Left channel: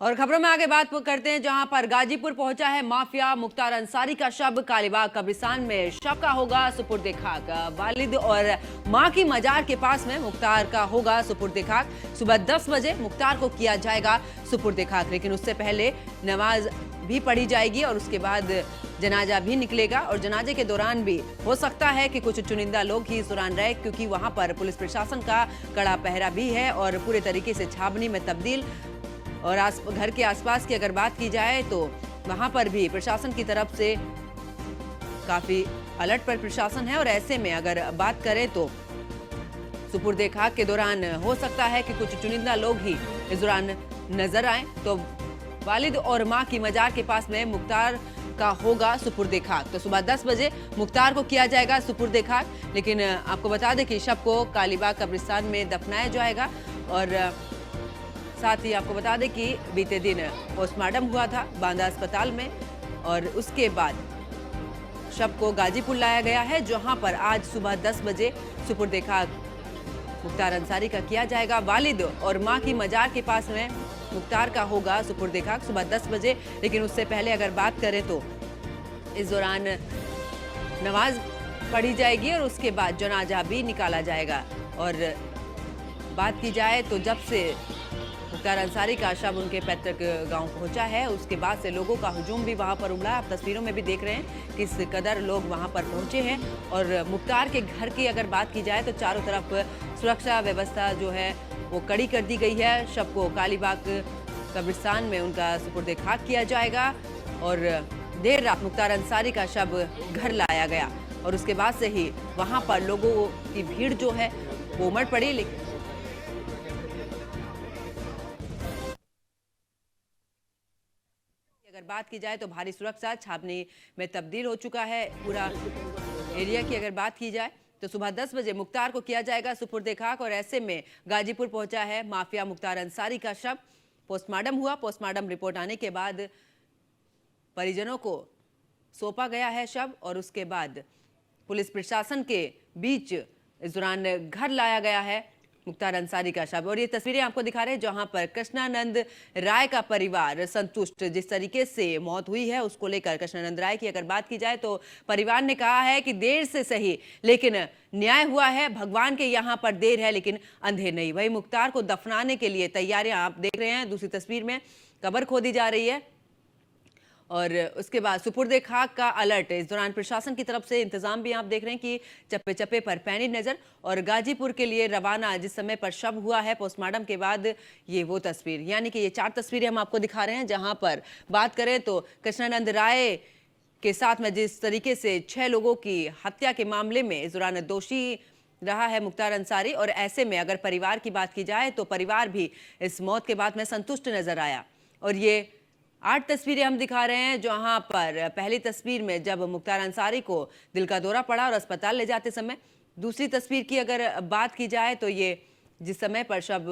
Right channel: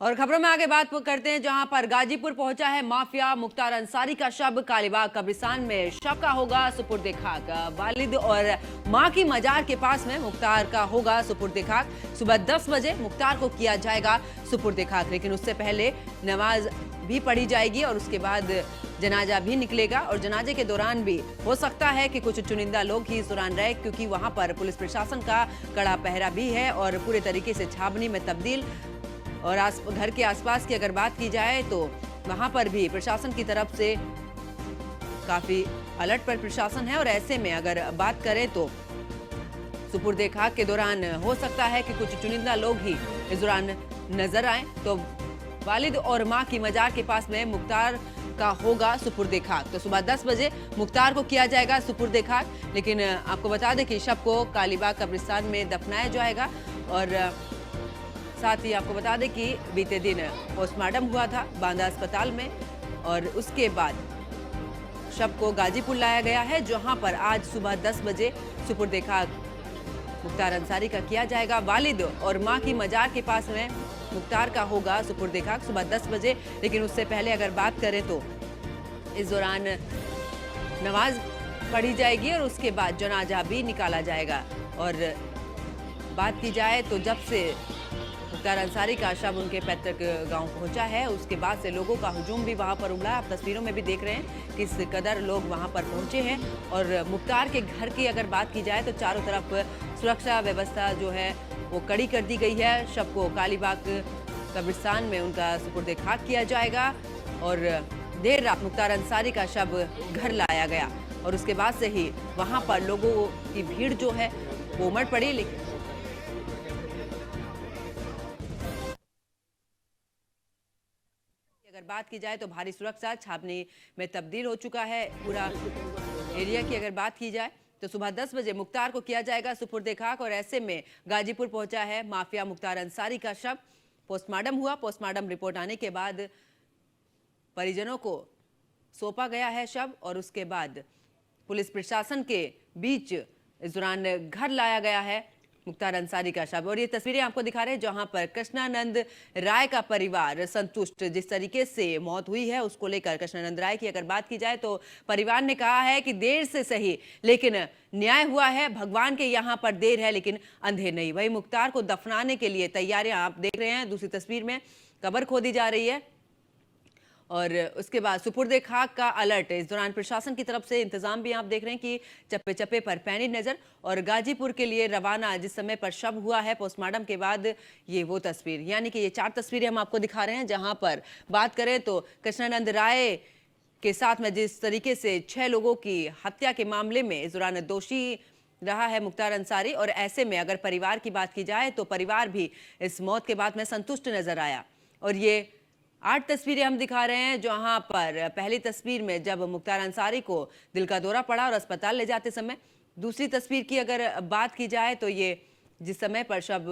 और खबरों में आगे बात करते हैं, जहां पर गाजीपुर पहुंचा है माफिया। मुख्तार अंसारी का शव कालीबाग कब्रिस्तान में शव का होगा सुपुर्द खाक। वालिद और मां की मजार के पास में मुख्तार का होगा सुपुर्द खाक। सुबह 10 बजे मुख्तार को किया जाएगा सुपुर्द खाक, लेकिन उससे पहले नमाज भी पढ़ी जाएगी और उसके बाद जनाजा भी निकलेगा। और जनाजे के दौरान भी हो सकता है कि कुछ चुनिंदा लोग ही इस दौरान रहे, क्योंकि वहां पर पुलिस प्रशासन का कड़ा पहरा भी है और पूरे तरीके से छावनी में तब्दील। और घर के आसपास की अगर बात की जाए तो वहां पर भी प्रशासन की तरफ से काफी अलर्ट पर प्रशासन है। और ऐसे में अगर बात करें तो सुपुर्दे खाक के दौरान हो सकता है कि कुछ चुनिंदा लोग ही इस दौरान नजर आए। तो वालिद और मां की मजार के पास में मुख्तार का होगा सुपुर्दे खाक। तो सुबह 10 बजे मुख्तार को किया जाएगा सुपुर्दे खाक, लेकिन आपको बता दें कि शव को कालीबाग कब्रिस्तान में दफनाया जाएगा। और साथ ही आपको बता दें कि बीते दिन पोस्टमार्टम हुआ था बांदा अस्पताल में और उसके बाद शव को गाजीपुर लाया गया है, जहां पर आज सुबह 10 बजे सुपुर्द खाक मुख्तार अंसारी का किया जाएगा। वालिद और मां की मजार के पास में मुख्तार का होगा सुपुर्द खाक सुबह 10 बजे, लेकिन उससे पहले अगर बात करें तो इस दौरान नमाज पढ़ी जाएगी और उसके बाद जनाजा भी निकाला जाएगा। और बात की जाए तो जब से मुख्तार अंसारी का शव उनके पैतृक गांव पहुंचा है, उसके बाद से लोगों का हुजूम भी वहां पर उमड़ा। आप तस्वीरों में भी देख रहे हैं किस कदर लोग वहां पर पहुंचे हैं। और मुख्तार के घर की अगर बात की जाए तो चारों तरफ सुरक्षा व्यवस्था जो है वो कड़ी कर दी गई है। शव को कालीबाग कब्रिस्तान में उनका सुपुर्द खाक किया जाएगा और देर रात मुख्तार अंसारी का शव घर लाया गया और उसके बाद से ही वहां पर लोगों की भीड़ जो है वो उमड़ पड़ी। लेकिन अगर बात की जाए तो भारी सुरक्षा छावनी में तब्दील हो चुका है पूरा एरिया की। अगर बात की जाए तो सुबह 10 बजे मुख्तार को किया जाएगा सुपुर्द खाक और ऐसे में गाजीपुर पहुंचा है माफिया मुख्तार अंसारी का शव। पोस्टमार्टम हुआ, पोस्टमार्टम रिपोर्ट आने के बाद परिजनों को सौंपा गया है शव और उसके बाद पुलिस प्रशासन के बीच इस दौरान घर लाया गया है मुख्तार अंसारी का शव। और ये तस्वीरें आपको दिखा रहे हैं जहां पर कृष्णानंद राय का परिवार संतुष्ट, जिस तरीके से मौत हुई है उसको लेकर कृष्णानंद राय की अगर बात की जाए तो परिवार ने कहा है कि देर से सही लेकिन न्याय हुआ है। भगवान के यहाँ पर देर है लेकिन अंधेर नहीं। वही मुख्तार को दफनाने के लिए तैयारियां आप देख रहे हैं, दूसरी तस्वीर में कब्र खोदी जा रही है और उसके बाद सुपुर्द खाक का अलर्ट। इस दौरान प्रशासन की तरफ से इंतजाम भी आप देख रहे हैं कि चप्पे चप्पे पर पैनी नजर। और गाजीपुर के लिए रवाना जिस समय पर शव हुआ है पोस्टमार्टम के बाद, ये वो तस्वीर, यानी कि ये 4 तस्वीरें हम आपको दिखा रहे हैं। जहां पर बात करें तो कृष्णानंद राय के साथ में जिस तरीके से 6 लोगों की हत्या के मामले में इस दौरान दोषी रहा है मुख्तार अंसारी। और ऐसे में अगर परिवार की बात की जाए तो परिवार भी इस मौत के बाद में संतुष्ट नजर आया। और ये 8 तस्वीरें हम दिखा रहे हैं, जहां पर पहली तस्वीर में जब मुख्तार अंसारी को दिल का दौरा पड़ा और अस्पताल ले जाते समय। दूसरी तस्वीर की अगर बात की जाए तो ये जिस समय पर शव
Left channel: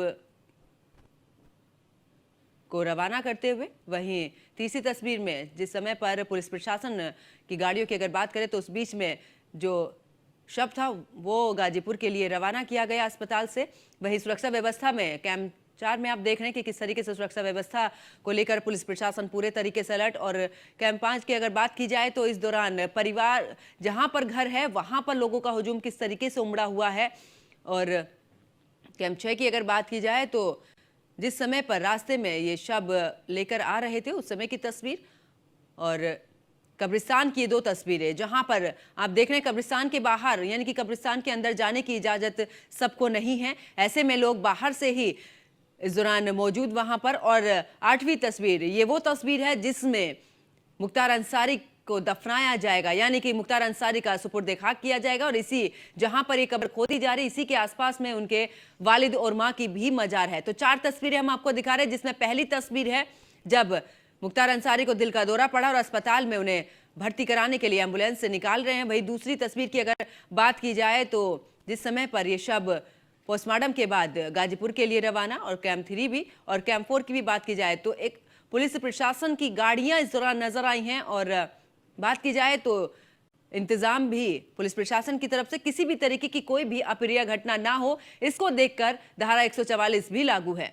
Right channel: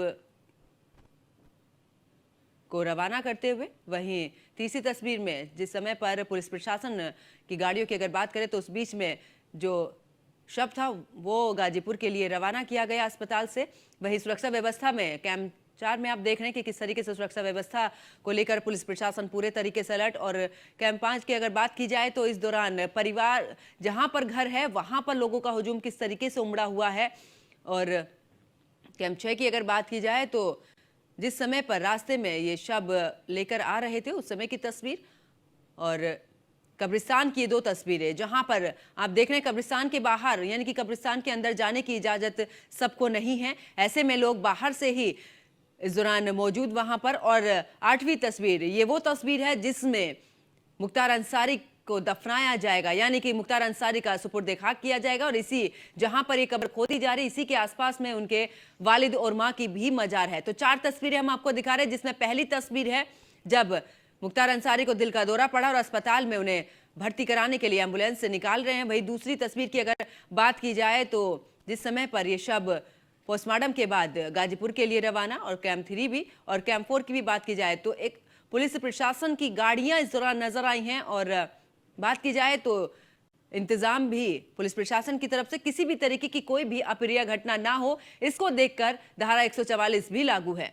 को रवाना करते हुए। वहीं तीसरी तस्वीर में जिस समय पर पुलिस प्रशासन की गाड़ियों की अगर बात करें तो उस बीच में जो शव था वो गाजीपुर के लिए रवाना किया गया अस्पताल से। वहीं सुरक्षा व्यवस्था में कैंप 4 में आप देख रहे हैं कि किस तरीके से सुरक्षा व्यवस्था को लेकर पुलिस प्रशासन पूरे तरीके से अलर्ट। और कैंप 5 की अगर बात की जाए तो इस दौरान परिवार जहां पर घर है वहां पर लोगों का हुजूम किस तरीके से उमड़ा हुआ है। और कैंप 6 की अगर बात की जाए तो जिस समय पर रास्ते में ये शव लेकर आ रहे थे उस समय की तस्वीर और कब्रिस्तान की 2 तस्वीरें, जहां पर आप देख रहे हैं कब्रिस्तान के बाहर, यानी कि कब्रिस्तान के अंदर जाने की इजाजत सबको नहीं है। ऐसे में लोग बाहर से ही इस दौरान मौजूद वहां पर। और 8वीं तस्वीर, ये वो तस्वीर है जिसमें मुख्तार अंसारी को दफनाया जाएगा, यानी कि मुख्तार अंसारी का सुपुर्द खाक किया जाएगा। और इसी जहां पर ये कब्र खोदी जा रही इसी के आसपास में उनके वालिद और मां की भी मजार है। तो 4 तस्वीरें हम आपको दिखा रहे हैं, जिसमें पहली तस्वीर है जब मुख्तार अंसारी को दिल का दौरा पड़ा और अस्पताल में उन्हें भर्ती कराने के लिए एम्बुलेंस से निकाल रहे हैं। वही दूसरी तस्वीर की अगर बात की जाए तो जिस समय पर यह शव पोस्टमार्टम के बाद गाजीपुर के लिए रवाना और कैंप 3 भी और कैंप 4 की भी बात की जाए तो एक पुलिस प्रशासन की गाड़ियां इस दौरान नजर आई हैं। और बात की जाए तो इंतजाम भी पुलिस प्रशासन की तरफ से किसी भी तरीके की कोई भी अप्रिय घटना ना हो, इसको देखकर धारा 144 भी लागू है।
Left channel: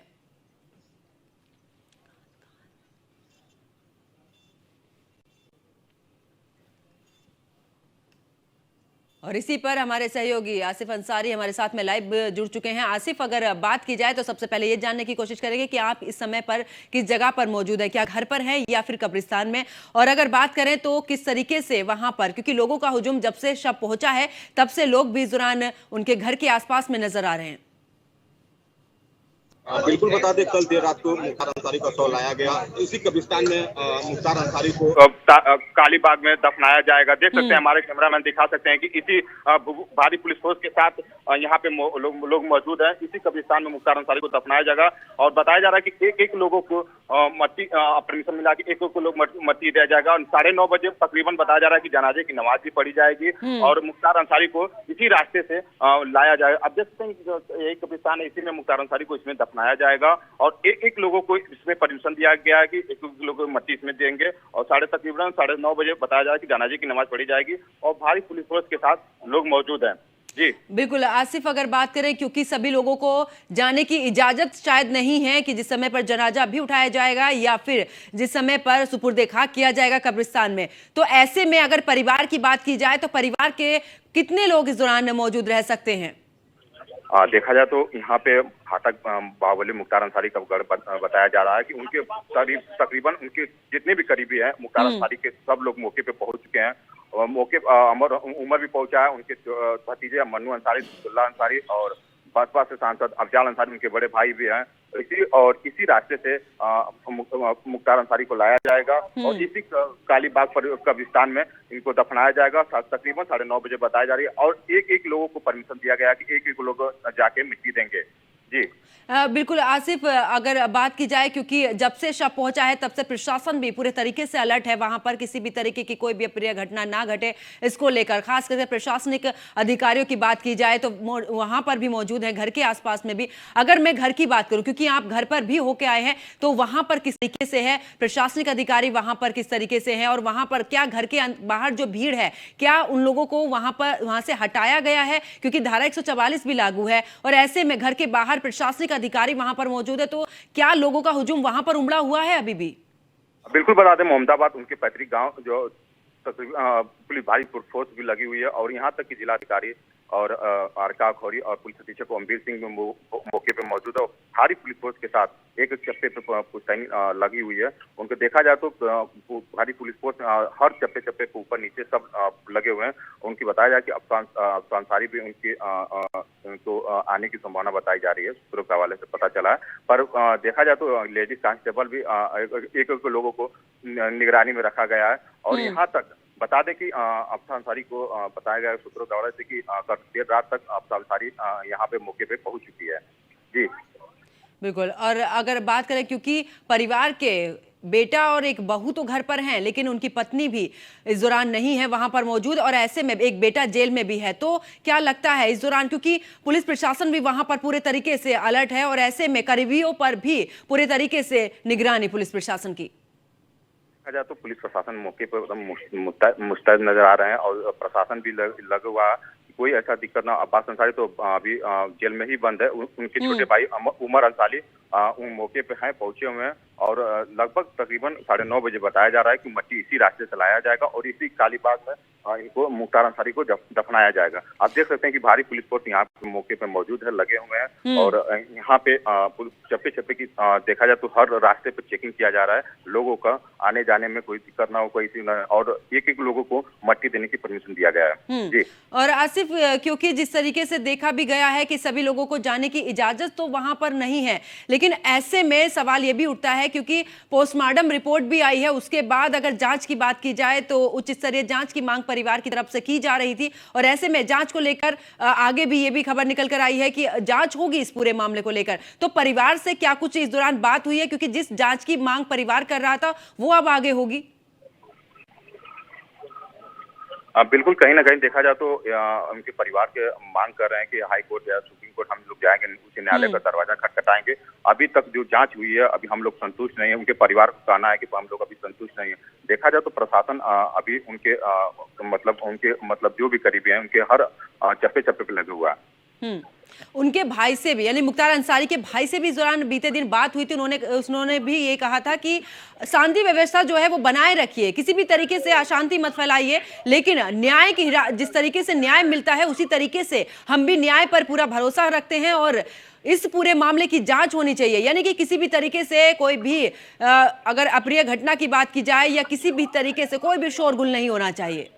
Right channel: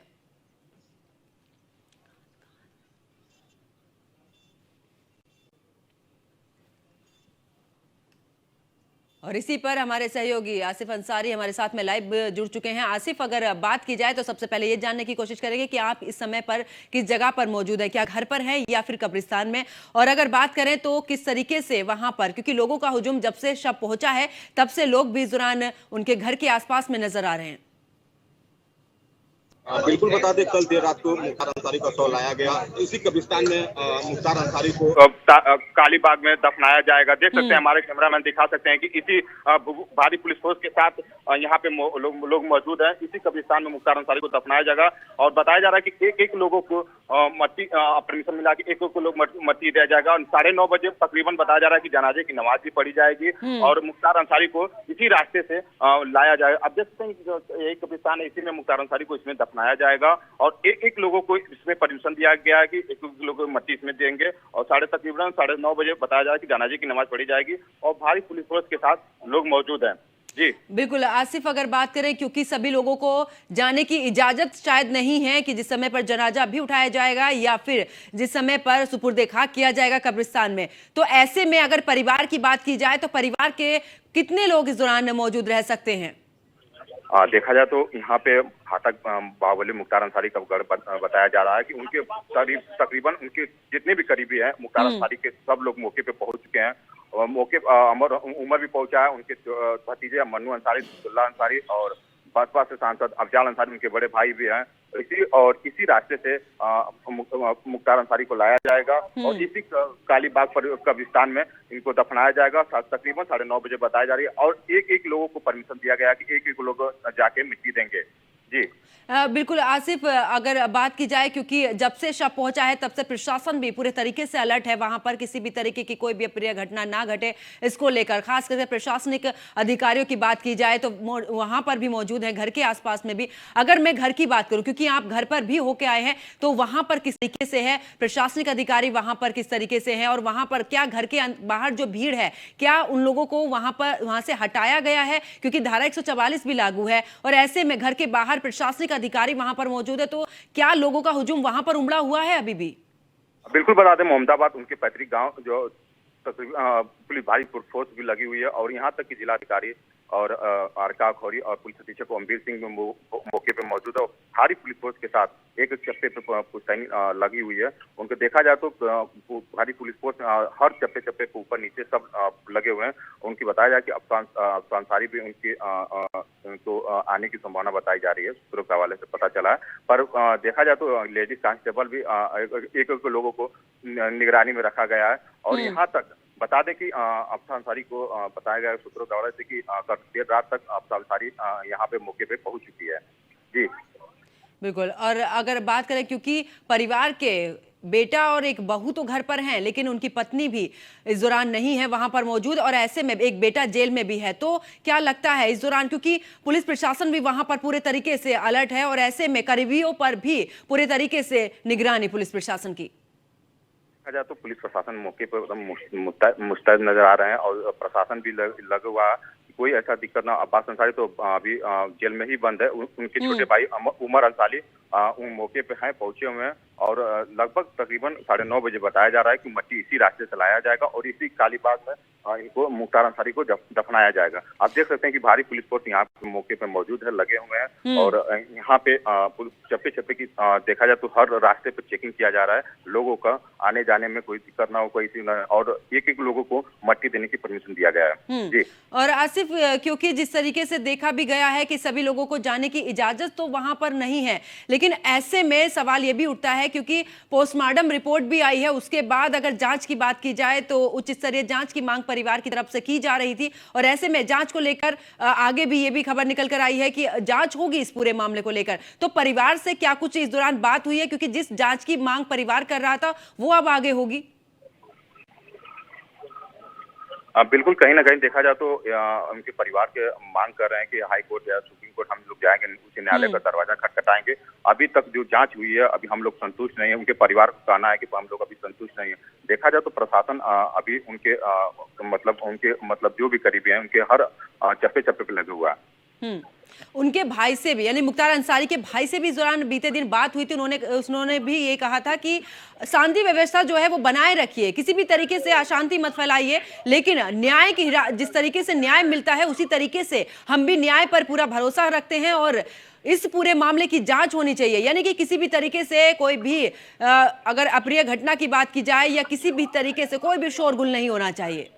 और इसी पर हमारे सहयोगी आसिफ अंसारी हमारे साथ में लाइव जुड़ चुके हैं। आसिफ, अगर बात की जाए तो सबसे पहले ये जानने की कोशिश करेंगे कि आप इस समय पर किस जगह पर मौजूद है, क्या घर पर हैं या फिर कब्रिस्तान में? और अगर बात करें तो किस तरीके से वहां पर, क्योंकि लोगों का हुजूम जब से शव पहुंचा है तब से लोग भी इस दौरान उनके घर के आसपास में नजर आ रहे हैं। बिल्कुल बता दें, कल देर रात को मुख्तार अंसारी का शव लाया गया। इसी कब्रिस्तान में मुख्तार अंसारी को कालीबाग में दफनाया जाएगा। देख सकते हैं, हमारे कैमरामैन दिखा सकते हैं कि इसी भारी पुलिस फोर्स के साथ यहाँ पे लोग मौजूद हैं। इसी कब्रिस्तान में मुख्तार अंसारी को दफनाया जाएगा और बताया जा रहा है कि एक लोगों को मट्टी परमिशन मिला के एक लोग मट्टी दिया जाएगा और 9:30 बजे तकरीबन बताया जा रहा है कि जनाजे की नमाज भी पढ़ी जाएगी और मुख्तार अंसारी को इसी रास्ते से लाया जाएगा। अब देख सकते हैं यही कब्रिस्तान है, इसी में मुख्तार अंसारी को इसमें दफनाया जाएगा और एक लोगों को इसमें परमिशन दिया गया है कि एक लोगों को मट्टी इसमें देंगे और तकरीबन 9:30 बजे बताया जा रहा है कि जनाजे की नमाज पढ़ी जाएगी और भारी पुलिस फोर्स के साथ लोग मौजूद हैं। जी बिल्कुल आसिफ, अगर बात करें, क्योंकि सभी लोगों को जाने की इजाजत शायद नहीं है कि जिस समय पर जनाजा भी उठाया जाएगा या फिर जिस समय पर सुपुर्दे खाक किया जाएगा कब्रिस्तान में, तो ऐसे में अगर परिवार की बात की जाए तो परिवार के कितने लोग इस दौरान मौजूद रह सकते हैं? देखा जाए तो यहाँ पे फाटक बाहुबली मुख्तार अंसारी का गढ़ बताया जा रहा है कि उनके तकरीबन उनके जितने भी करीबी हैं मुख्तार अंसारी के सब लोग मौके पे पहुंच चुके हैं और मौके उमर भी पहुंचा है। उनके भतीजे मन्नू अंसारी, अब्दुल्ला अंसारी और बसपा से सांसद अफजाल अंसारी उनके बड़े भाई भी हैं। इसी रास्ते से मुख्तार अंसारी को लाया जाएगा और इसी कालीबाग पर कब्रिस्तान में इनको दफनाया जाएगा। तकरीबन 9:30 बजे बताया जा रही है और एक लोगों को परमिशन दिया गया कि एक लोग जाके मिट्टी देंगे। जी बिल्कुल आसिफ, अगर बात की जाए, क्योंकि जब से शव पहुंचा है तब से प्रशासन भी पूरे तरीके से अलर्ट है, वहां पर किसी भी तरीके की कोई भी अप्रिय घटना ना घटे इसको लेकर। खास करके प्रशासनिक अधिकारियों की बात की जाए तो वहां पर भी मौजूद है, घर के आसपास में भी। अगर मैं घर की बात करूं, क्योंकि आप घर पर भी होके आए हैं, तो वहां पर किस तरीके से है, प्रशासनिक अधिकारी वहां पर किस तरीके से है और वहां पर क्या घर के बाहर जो भीड़ है, क्या उन लोगों को वहां से हटाया गया है? क्योंकि धारा 144 भी लागू है और ऐसे में घर के बाहर प्रशासनिक अधिकारी वहां पर मौजूद है, तो क्या लोगों का हुजूम वहां पर उमड़ा हुआ है अभी भी? बिल्कुल बता दें, मोहम्मदाबाद उनके पैतृक गांव जो पुलिस भारी फोर्स भी लगी हुई है और यहाँ तक कि जिलाधिकारी और आरका खौरी और पुलिस अधीक्षक ओमवीर सिंह मौके पे मौजूद है और भारी पुलिस फोर्स के साथ एक चप्पे पे पुश्तैनी लगी हुई है। उनको देखा जाए तो भारी पुलिस फोर्स हर चप्पे पे ऊपर नीचे सब लगे हुए हैं। उनकी बताया जाए कि अफसान अंसारी भी उनके तो आने की संभावना बताई जा रही है, सूत्रों के हवाले से पता चला है। पर देखा जाए तो लेडीज कांस्टेबल भी एक लोगों को निगरानी में रखा गया है और यहाँ तक बता दें कि अफसान अंसारी को बताया गया सूत्रों के हवाले से कि देर रात तक अफसान अंसारी यहाँ पे मौके पे पहुंच चुकी है। जी बिल्कुल, और अगर बात करें, क्योंकि परिवार के बेटा और एक बहू तो घर पर हैं, लेकिन उनकी पत्नी भी इस दौरान नहीं है वहां पर मौजूद और ऐसे में एक बेटा जेल में भी है, तो क्या लगता है इस दौरान, क्योंकि पुलिस प्रशासन भी वहां पर पूरे तरीके से अलर्ट है और ऐसे में करीबियों पर भी पूरे तरीके से निगरानी पुलिस प्रशासन की? जाए तो पुलिस प्रशासन मौके पर एकदम मुस्तैद नजर आ रहे हैं और प्रशासन भी लगा हुआ, कोई ऐसा दिक्कत ना। अब्बास अंसारी तो अभी जेल में ही बंद है, उनके छोटे भाई उमर अंसारी मौके पे हैं, पहुंचे हुए हैं और लगभग तकरीबन 9:30 बजे बताया जा रहा है कि मट्टी इसी रास्ते से लाया जाएगा और इसी कालीबाग में इनको मुख्तार अंसारी को दफनाया जाएगा। आप देख सकते हैं कि भारी पुलिस फोर्स यहाँ पे मौके पे मौजूद है, लगे हुए हैं और यहाँ पे चप्पे की देखा जाए तो हर रास्ते पे चेकिंग किया जा रहा है, लोगों का आने जाने में कोई दिक्कत ना हो, कोई और एक लोगों को मट्टी देने की परमिशन दिया गया है। जी और आसिफ, क्योंकि जिस तरीके से देखा भी गया है कि सभी लोगों को जाने की इजाजत तो वहां पर नहीं है, लेकिन ऐसे में सवाल यह भी उठता है, क्योंकि पोस्टमार्टम रिपोर्ट भी आई है, उसके बाद अगर जांच की बात की जाए तो उच्च स्तरीय जांच की मांग परिवार की तरफ से की जा रही थी और ऐसे में जांच को लेकर आगे भी ये भी खबर निकल कर आई है कि जांच होगी इस पूरे मामले को लेकर, तो परिवार से क्या कुछ इस दौरान बात हुई है? क्योंकि जिस जांच की मांग परिवार कर रहा था वो अब आगे होगी। बिल्कुल, कहीं ना कहीं देखा जाए तो उनके परिवार के मांग कर रहे हैं कि हाई कोर्ट या सुप्रीम कोर्ट हम लोग जाएंगे, उच्च न्यायालय का दरवाजा खटखटाएंगे। अभी तक जो जांच हुई है अभी हम लोग संतुष्ट नहीं है, उनके परिवार का कहना है कि हम लोग अभी संतुष्ट नहीं है। देखा जाए तो प्रशासन अभी उनके मतलब जो भी करीबी हैं उनके हर चप्पे पे लगे हुआ है। उनके भाई से भी, यानी मुख्तार अंसारी के भाई से भी इस दौरान बीते दिन बात हुई थी। उन्होंने भी ये कहा था कि शांति व्यवस्था जो है वो बनाए रखिए, किसी भी तरीके से अशांति मत फैलाइए, लेकिन न्याय की जिस तरीके से न्याय मिलता है उसी तरीके से हम भी न्याय पर पूरा भरोसा रखते हैं और इस पूरे मामले की जांच होनी चाहिए। यानी कि किसी भी तरीके से कोई भी अगर अप्रिय घटना की बात की जाए या किसी भी तरीके से कोई भी शोरगुल नहीं होना चाहिए।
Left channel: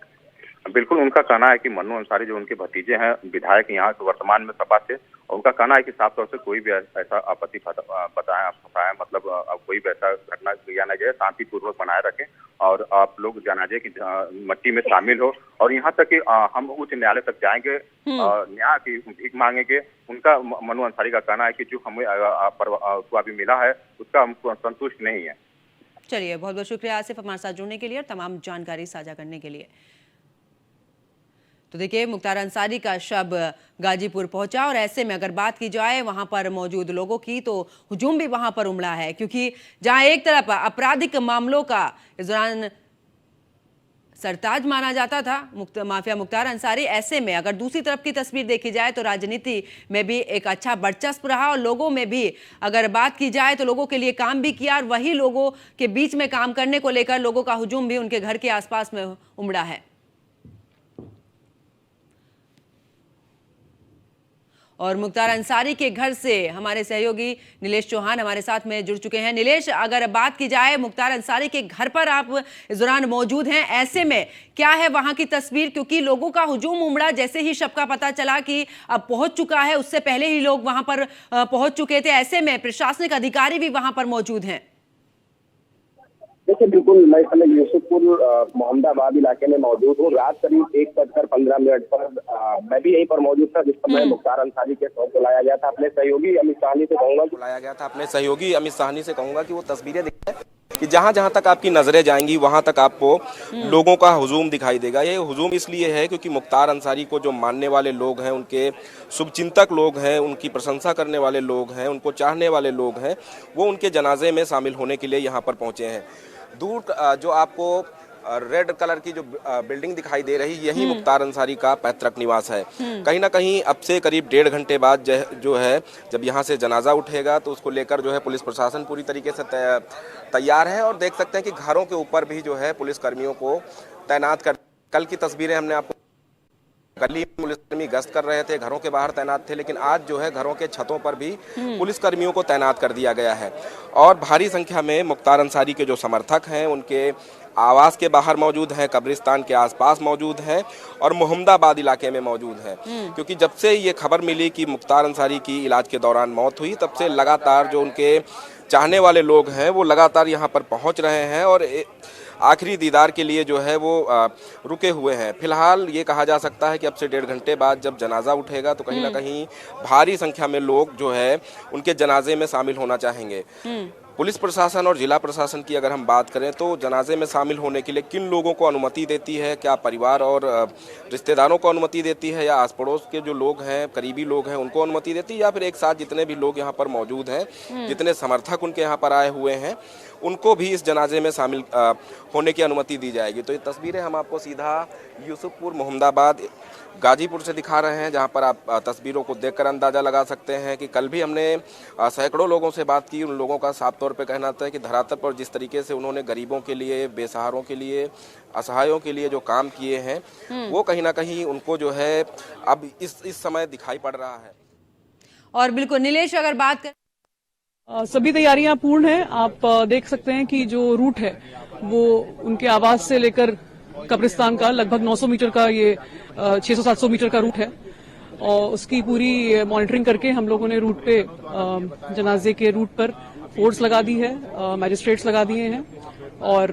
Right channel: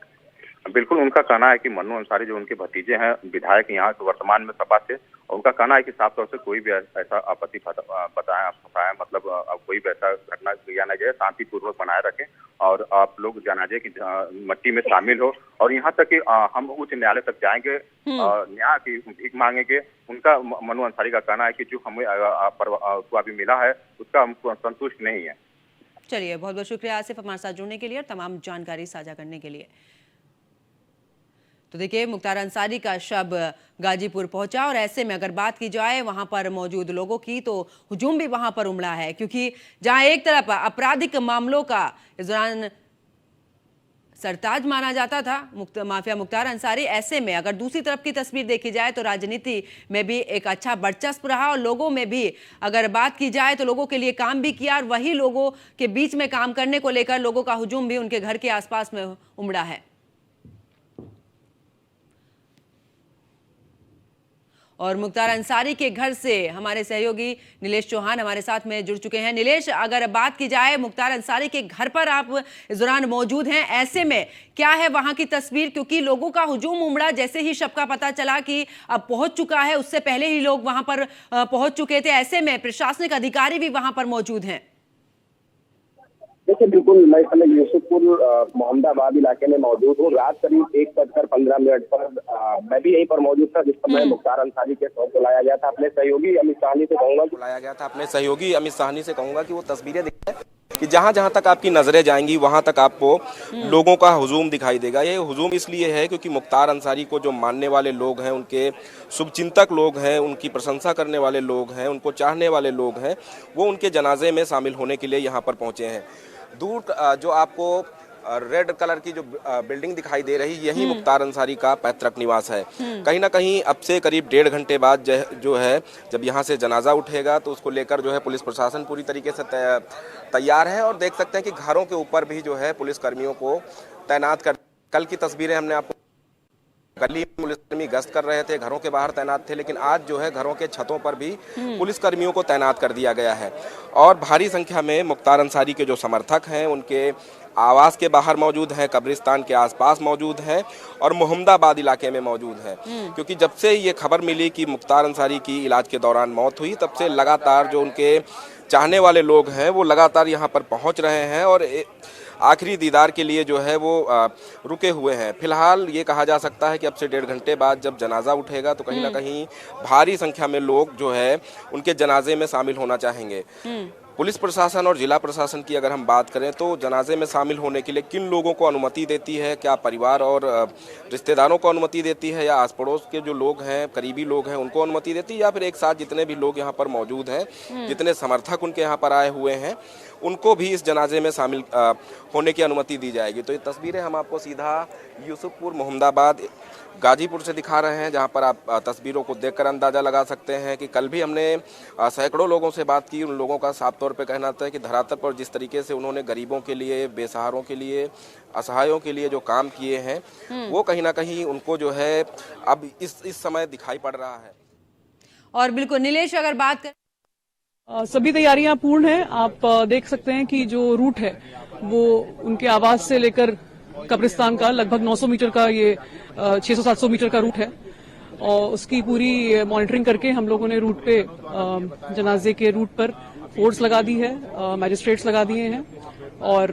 बिल्कुल, उनका कहना है कि मन्नू अंसारी जो उनके भतीजे हैं, विधायक यहाँ के वर्तमान में सपा से, और उनका कहना है कि साफ तौर से कोई भी ऐसा आपत्ति बताया मतलब कोई भी ऐसा घटना किया न जाए, शांतिपूर्वक बनाए रखें और आप लोग जनाजे की मट्टी में शामिल हो, और यहाँ तक कि हम उच्च न्यायालय तक जाएंगे, न्याय की भीख मांगेंगे। उनका मन्नू अंसारी का कहना है कि जो हमें उसको अभी मिला है उसका हमको संतुष्ट नहीं है। चलिए, बहुत बहुत शुक्रिया आसिफ हमारे साथ जुड़ने के लिए और तमाम जानकारी साझा करने के लिए। तो देखिए, मुख्तार अंसारी का शव गाजीपुर पहुंचा और ऐसे में अगर बात की जाए वहां पर मौजूद लोगों की, तो हुजूम भी वहां पर उमड़ा है, क्योंकि जहां एक तरफ आपराधिक मामलों का इस दौरान सरताज माना जाता था माफिया मुख्तार अंसारी, ऐसे में अगर दूसरी तरफ की तस्वीर देखी जाए तो राजनीति में भी एक अच्छा वर्चस्व रहा और लोगों में भी अगर बात की जाए तो लोगों के लिए काम भी किया और वही लोगों के बीच में काम करने को लेकर लोगों का हुजूम भी उनके घर के आसपास में उमड़ा है। और मुख्तार अंसारी के घर से हमारे सहयोगी नीलेश चौहान हमारे साथ में जुड़ चुके हैं। नीलेश, अगर बात की जाए मुख्तार अंसारी के घर पर आप इस दौरान मौजूद हैं, ऐसे में क्या है वहां की तस्वीर? क्योंकि लोगों का हुजूम उमड़ा जैसे ही शव का पता चला कि अब पहुंच चुका है, उससे पहले ही लोग वहां पर पहुंच चुके थे, ऐसे में प्रशासनिक अधिकारी भी वहां पर मौजूद हैं। देखिए, बिल्कुल मैं समय यूसुफपुर मोहम्मदाबाद इलाके में मौजूद हूँ। रात करीब 1:15 पर मैं भी यहीं पर मौजूद था जिस समय मुख्तार अंसारी के शव को लाया गया था। अपने सहयोगी अमित साहनी से कहूंगा कि वो तस्वीरें दिखाएं कि जहां जहां तक आपकी नजरें जाएंगी वहां तक आपको लोगों का हुजूम दिखाई देगा। ये हुजूम इसलिए है क्योंकि मुख्तार अंसारी को जो मानने वाले लोग हैं, उनके शुभचिंतक लोग हैं, उनकी प्रशंसा करने वाले लोग हैं, उनको चाहने वाले लोग हैं, वो उनके जनाजे में शामिल होने के लिए यहाँ पर पहुंचे हैं। दूर जो आपको रेड कलर की जो बिल्डिंग दिखाई दे रही, यही मुख्तार अंसारी का पैतृक निवास है। कहीं ना कहीं अब से करीब 1.5 घंटे बाद जो है जब यहाँ से जनाजा उठेगा तो उसको लेकर जो है पुलिस प्रशासन पूरी तरीके से तैयार है और देख सकते हैं कि घरों के ऊपर भी जो है पुलिस कर्मियों को तैनात कर। कल की तस्वीरें हमने आपको, गली में पुलिसकर्मी गश्त कर रहे थे, घरों के बाहर तैनात थे, लेकिन आज जो है घरों के छतों पर भी पुलिसकर्मियों को तैनात कर दिया गया है और भारी संख्या में मुख्तार अंसारी के जो समर्थक हैं उनके आवास के बाहर मौजूद हैं, कब्रिस्तान के आसपास मौजूद हैं और मोहम्मदाबाद इलाके में मौजूद हैं। क्योंकि जब से ये खबर मिली कि मुख्तार अंसारी की इलाज के दौरान मौत हुई, तब से लगातार जो उनके चाहने वाले लोग हैं वो लगातार यहाँ पर पहुँच रहे हैं और आखिरी दीदार के लिए जो है वो रुके हुए हैं। फिलहाल ये कहा जा सकता है कि अब से 1.5 घंटे बाद जब जनाजा उठेगा तो कहीं ना कहीं भारी संख्या में लोग जो है उनके जनाजे में शामिल होना चाहेंगे। पुलिस प्रशासन और जिला प्रशासन की अगर हम बात करें तो जनाजे में शामिल होने के लिए किन लोगों को अनुमति देती है, क्या परिवार और रिश्तेदारों को अनुमति देती है या आस पड़ोस के जो लोग हैं, करीबी लोग हैं, उनको अनुमति देती है, या फिर एक साथ जितने भी लोग यहाँ पर मौजूद हैं, जितने समर्थक उनके यहाँ पर आए हुए हैं, उनको भी इस जनाजे में शामिल होने की अनुमति दी जाएगी। तो ये तस्वीरें हम आपको सीधा यूसुफपुर मोहम्मदाबाद गाजीपुर से दिखा रहे हैं, जहां पर आप तस्वीरों को देखकर अंदाजा लगा सकते हैं कि कल भी हमने सैकड़ों लोगों से बात की। उन लोगों का साफ तौर पे कहना था कि धरातल पर जिस तरीके से उन्होंने गरीबों के लिए, बेसहारों के लिए, असहायों के लिए जो काम किए हैं, वो कहीं ना कहीं उनको जो है अब इस समय दिखाई पड़ रहा है। और बिल्कुल नीलेश, अगर बात कर सभी तैयारियां पूर्ण हैं। आप देख सकते हैं कि जो रूट है वो उनके आवास से लेकर कब्रिस्तान का लगभग 900 मीटर का, ये 600-700 मीटर का रूट है और उसकी पूरी मॉनिटरिंग करके हम लोगों ने रूट पे, जनाजे के रूट पर फोर्स लगा दी है, मैजिस्ट्रेट्स लगा दिए हैं और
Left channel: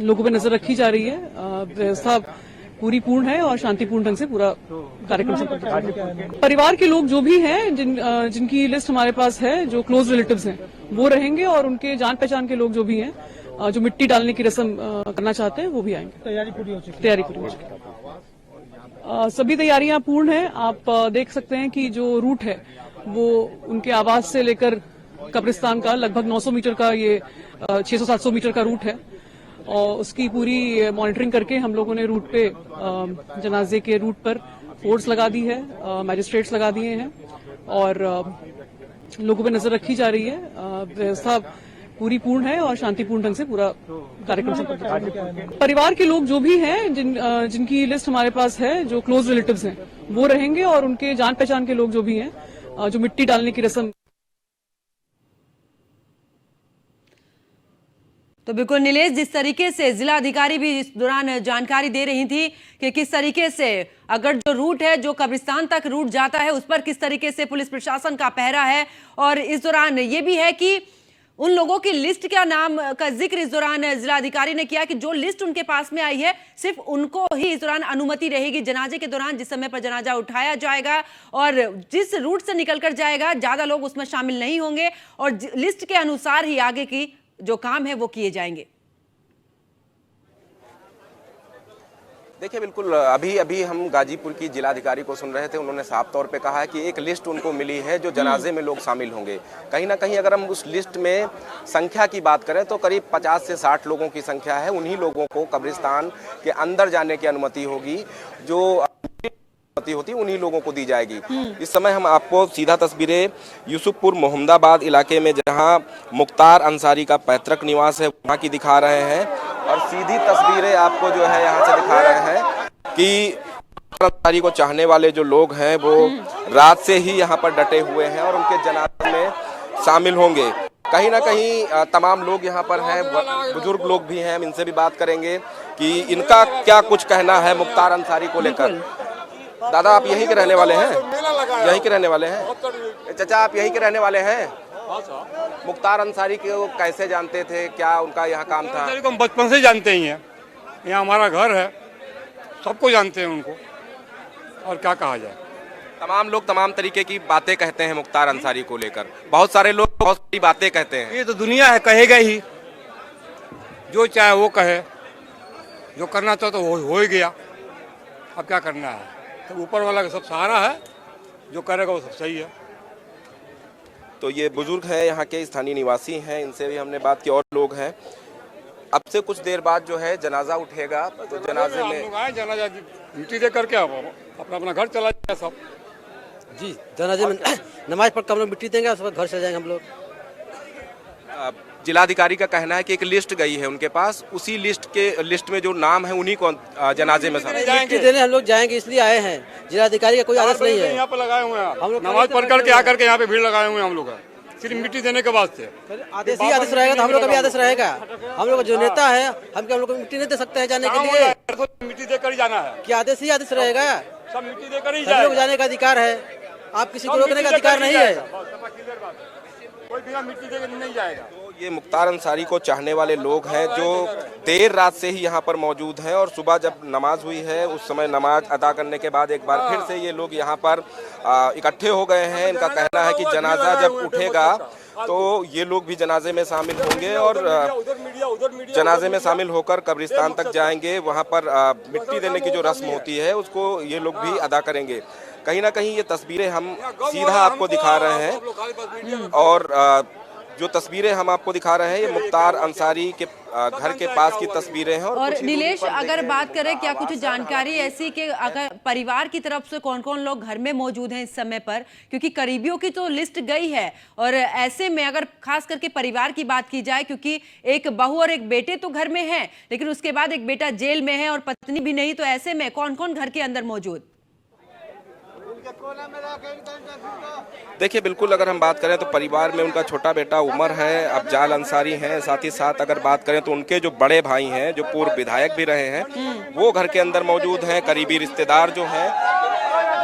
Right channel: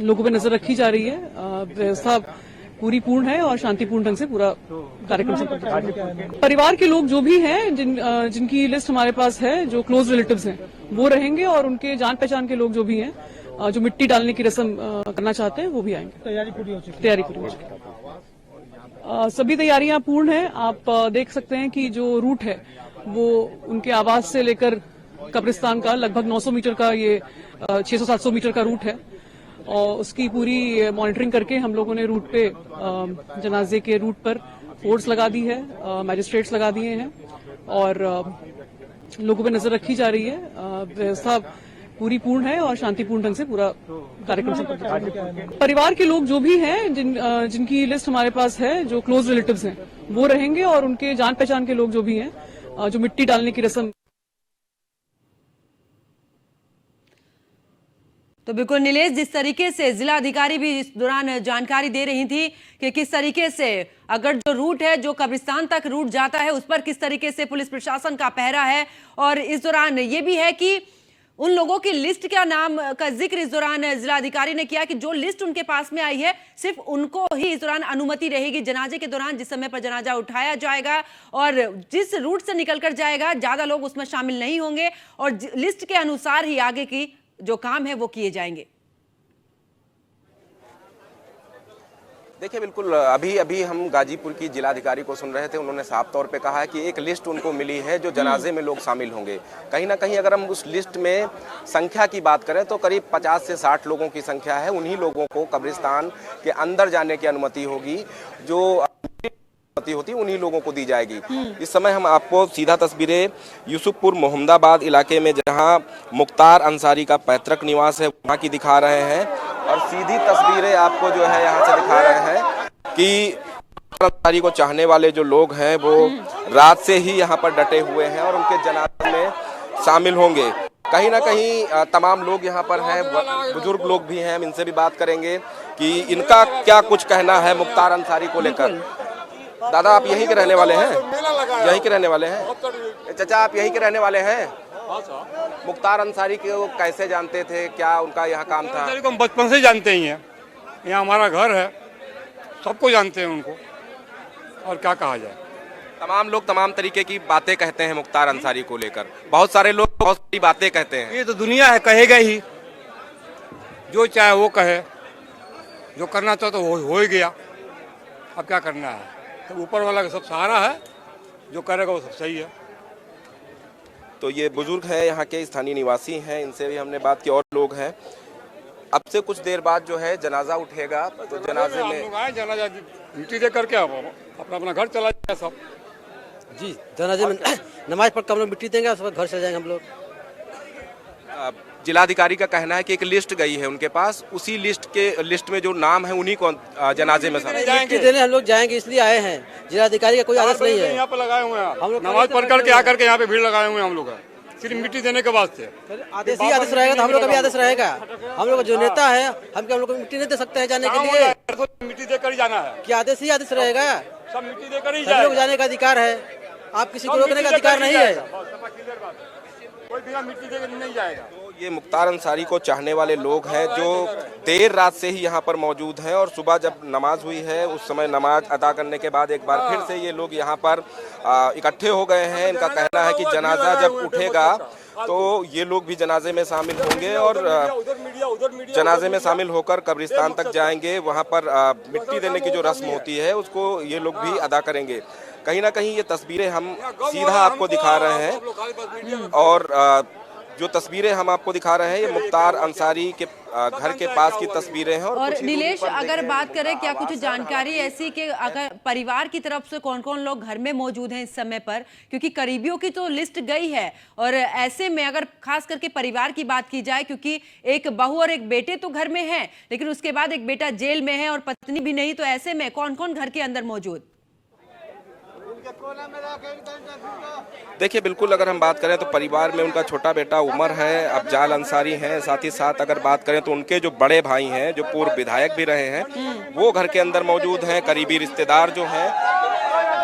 लोगों पे नजर रखी जा रही है। व्यवस्था पूरी पूर्ण है और शांतिपूर्ण ढंग से पूरा कार्यक्रम संपन्न। परिवार के लोग जो भी हैं, जिनकी लिस्ट हमारे पास है, जो क्लोज रिलेटिव्स हैं, वो रहेंगे और उनके जान पहचान के लोग जो भी हैं, जो मिट्टी डालने की रस्म करना चाहते हैं, वो भी आएंगे। तैयारी पूरी हो चुकी है। सभी तैयारियां पूर्ण हैं। आप देख सकते हैं कि जो रूट है वो उनके आवास से लेकर कब्रिस्तान का लगभग 900 मीटर का, ये 600-700 मीटर का रूट है और उसकी पूरी मॉनिटरिंग करके हम लोगों ने रूट पे, जनाजे के रूट पर फोर्स लगा दी है, मैजिस्ट्रेट्स लगा दिए हैं और लोगों पे नजर रखी जा रही है। व्यवस्था पूरी पूर्ण है और शांतिपूर्ण ढंग से पूरा कार्यक्रम संपन्न। परिवार के लोग जो भी हैं, जिनकी लिस्ट हमारे पास है, जो क्लोज रिलेटिव्स हैं, वो रहेंगे और उनके जान पहचान के लोग जो भी हैं, जो मिट्टी डालने की रस्म। तो बिल्कुल नीलेश, जिस तरीके से जिला अधिकारी भी इस दौरान जानकारी दे रही थी कि किस तरीके से अगर जो रूट है, जो कब्रिस्तान तक रूट जाता है, उस पर किस तरीके से पुलिस प्रशासन का पहरा है, और इस दौरान ये भी है कि उन लोगों की लिस्ट का नाम का जिक्र इस दौरान जिला अधिकारी ने किया कि जो लिस्ट उनके पास में आई है सिर्फ उनको ही इस दौरान अनुमति रहेगी जनाजे के दौरान, जिस समय पर जनाजा उठाया जाएगा और जिस रूट से निकलकर जाएगा ज्यादा लोग उसमें शामिल नहीं होंगे और लिस्ट के अनुसार ही आगे की जो काम है वो किए जाएंगे। देखिए, बिल्कुल अभी अभी हम गाजीपुर की जिलाधिकारी को सुन रहे थे। उन्होंने साफ तौर पे कहा है कि एक लिस्ट उनको मिली है जो जनाजे में लोग शामिल होंगे। कहीं ना कहीं अगर हम उस लिस्ट में संख्या की बात करें तो करीब 50 से 60 लोगों की संख्या है। उन्हीं लोगों को कब्रिस्तान के अंदर जाने की अनुमति होगी, जो अनुमति होती है उन्हीं लोगों को दी जाएगी। इस समय हम आपको सीधा तस्वीरें यूसुफपुर मोहम्मदाबाद इलाके में, जहां मुख्तार अंसारी का पैतृक निवास है, वहां की दिखा रहे हैं और सीधी तस्वीरें आपको जो है यहाँ से दिखा रहे हैं कि अंसारी को चाहने वाले जो लोग हैं वो रात से ही यहाँ पर डटे हुए हैं और उनके जनाजे में शामिल होंगे। कहीं ना कहीं तमाम लोग यहाँ पर हैं, बुजुर्ग लोग भी हैं, हम इनसे भी बात करेंगे कि इनका क्या कुछ कहना है मुख्तार अंसारी को लेकर। दादा, आप यहीं के रहने वाले हैं? यहीं के रहने वाले हैं? चाचा, आप यहीं के रहने वाले हैं? मुख्तार अंसारी को कैसे जानते थे, क्या उनका यहाँ काम था? हम बचपन से जानते ही हैं, यहाँ हमारा घर है, सबको जानते हैं उनको, और क्या कहा जाए। तमाम लोग तमाम तरीके की बातें कहते हैं मुख्तार अंसारी को लेकर, बहुत सारे लोग बहुत सारी बातें कहते हैं। ये तो दुनिया है, कहेगा ही, जो चाहे वो कहे, जो करना चाहे तो हो ही गया, अब क्या करना है। तो ऊपर वाला का सब सहारा है, जो करेगा वो सब सही है। तो ये बुजुर्ग हैं, यहाँ के स्थानीय निवासी हैं, इनसे भी हमने बात की। और लोग हैं। अब से कुछ देर बाद जो है जनाजा उठेगा, तो जनाजे में आए, जनाजा मिट्टी दे करके अपना अपना घर चला जाएगा सब। जी, जनाजे में नमाज पढ़ कर हम लोग मिट्टी देंगे, सब घर चले जाएंगे हम लोग। जिलाधिकारी का कहना है कि एक लिस्ट गई है उनके पास, उसी लिस्ट में जो नाम है उन्हीं को जनाजे में मिट्टी देने हम लोग जाएंगे, इसलिए आए हैं। जिलाधिकारी का कोई आदेश नहीं है। यहाँ पे लगाए हुए हैं, हम लोग नमाज पढ़ करके आकर के यहाँ पे भीड़ लगाए हुए हैं हम लोग, सिर्फ मिट्टी देने के वास्ते। आदेश ही आदेश रहेगा तो हम लोग का भी आदेश रहेगा। हम लोग जो नेता है, हम लोग को मिट्टी नहीं दे सकते हैं जाने के लिए। मिट्टी देकर ही जाना है, क्या आदेश ही आदेश रहेगा। सब मिट्टी देकर ही हम लोग जाने का अधिकार है, आप किसी को रोकने का अधिकार नहीं है। कोई बिना मिट्टी देकर नहीं जाएगा। ये मुख्तार अंसारी को चाहने वाले लोग हैं जो देर रात से ही यहाँ पर मौजूद हैं और सुबह जब नमाज हुई है उस समय नमाज अदा करने के बाद एक बार फिर से ये लोग यहाँ पर इकट्ठे हो गए हैं। इनका कहना है कि जनाजा जब उठेगा तो ये लोग भी जनाजे में शामिल होंगे और जनाजे में शामिल होकर कब्रिस्तान तक जाएंगे। वहाँ पर मिट्टी देने की जो रस्म होती है उसको ये लोग भी अदा करेंगे। कहीं ना कहीं ये तस्वीरें हम सीधा आपको दिखा रहे हैं और जो तस्वीरें हम आपको दिखा रहे हैं ये मुख्तार अंसारी के घर के पास की तस्वीरें हैं। और नीलेश, अगर बात करें, क्या कुछ जानकारी ऐसी कि अगर परिवार की तरफ से कौन कौन लोग घर में मौजूद हैं इस समय पर, क्योंकि करीबियों की तो लिस्ट गई है और ऐसे में अगर खास करके परिवार की बात की जाए, क्योंकि एक बहू और एक बेटे तो घर में हैं, लेकिन उसके बाद एक बेटा जेल में है और पत्नी भी नहीं, तो ऐसे में कौन कौन घर के अंदर मौजूद? देखिए, बिल्कुल अगर हम बात करें तो परिवार में उनका छोटा बेटा उमर है, अफजाल अंसारी हैं। साथ ही साथ अगर बात करें तो उनके जो बड़े भाई हैं जो पूर्व विधायक भी रहे हैं वो घर के अंदर मौजूद हैं। करीबी रिश्तेदार जो हैं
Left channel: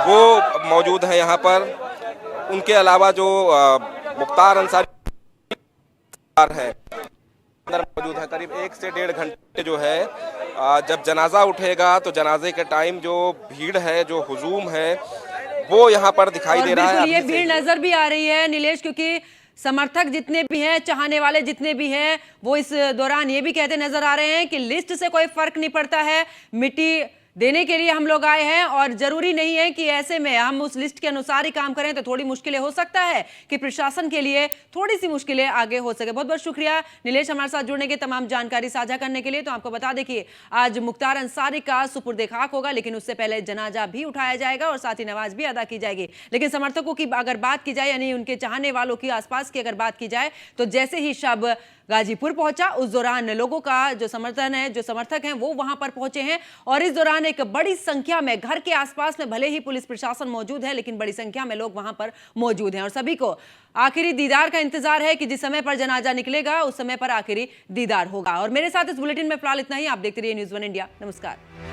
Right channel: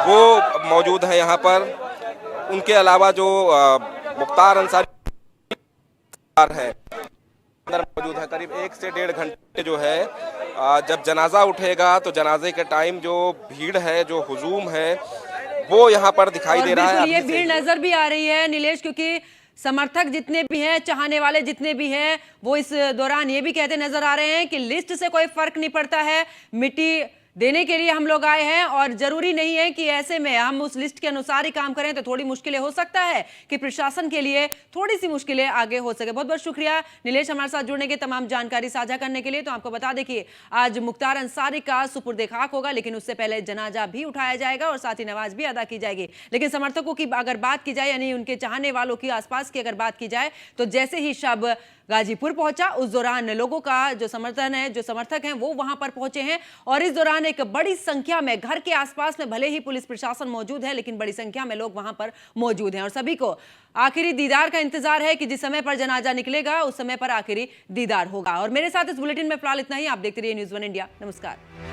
वो मौजूद हैं यहाँ पर। उनके अलावा जो मुख्तार अंसारी है अंदर मौजूद है। करीब 1 से 1.5 घंटे जो है जब जनाजा उठेगा तो जनाजे के टाइम जो भीड़ है, जो हुजूम है, वो यहाँ पर दिखाई दे रहा है। ये भीड़ नजर भी आ रही है नीलेश, क्योंकि समर्थक जितने भी हैं, चाहने वाले जितने भी हैं, वो इस दौरान ये भी कहते नजर आ रहे हैं कि लिस्ट से कोई फर्क नहीं पड़ता है, मिट्टी देने के लिए हम लोग आए हैं और जरूरी नहीं है कि ऐसे में हम उस लिस्ट के अनुसार ही काम करें, तो थोड़ी मुश्किलें हो सकता है कि प्रशासन के लिए थोड़ी सी मुश्किलें आगे हो सके। बहुत बहुत शुक्रिया नीलेश हमारे साथ जुड़ने के, तमाम जानकारी साझा करने के लिए। तो आपको बता दें कि आज मुख्तार अंसारी का सुपुर्द खाक होगा, लेकिन उससे पहले जनाजा भी उठाया जाएगा और साथ ही नमाज भी अदा की जाएगी। लेकिन समर्थकों की अगर बात की जाए, यानी उनके चाहने वालों की, आसपास की अगर बात की जाए, तो जैसे ही शव गाजीपुर पहुंचा उस दौरान लोगों का जो समर्थन है, जो समर्थक हैं, वो वहां पर पहुंचे हैं और इस दौरान एक बड़ी संख्या में घर के आसपास में भले ही पुलिस प्रशासन मौजूद है, लेकिन बड़ी संख्या में लोग वहां पर मौजूद हैं और सभी को आखिरी दीदार का इंतजार है कि जिस समय पर जनाजा निकलेगा उस समय पर आखिरी दीदार होगा। और मेरे साथ इस बुलेटिन में फिलहाल इतना ही। आप देखते रहिए न्यूज़ 1 इंडिया। नमस्कार।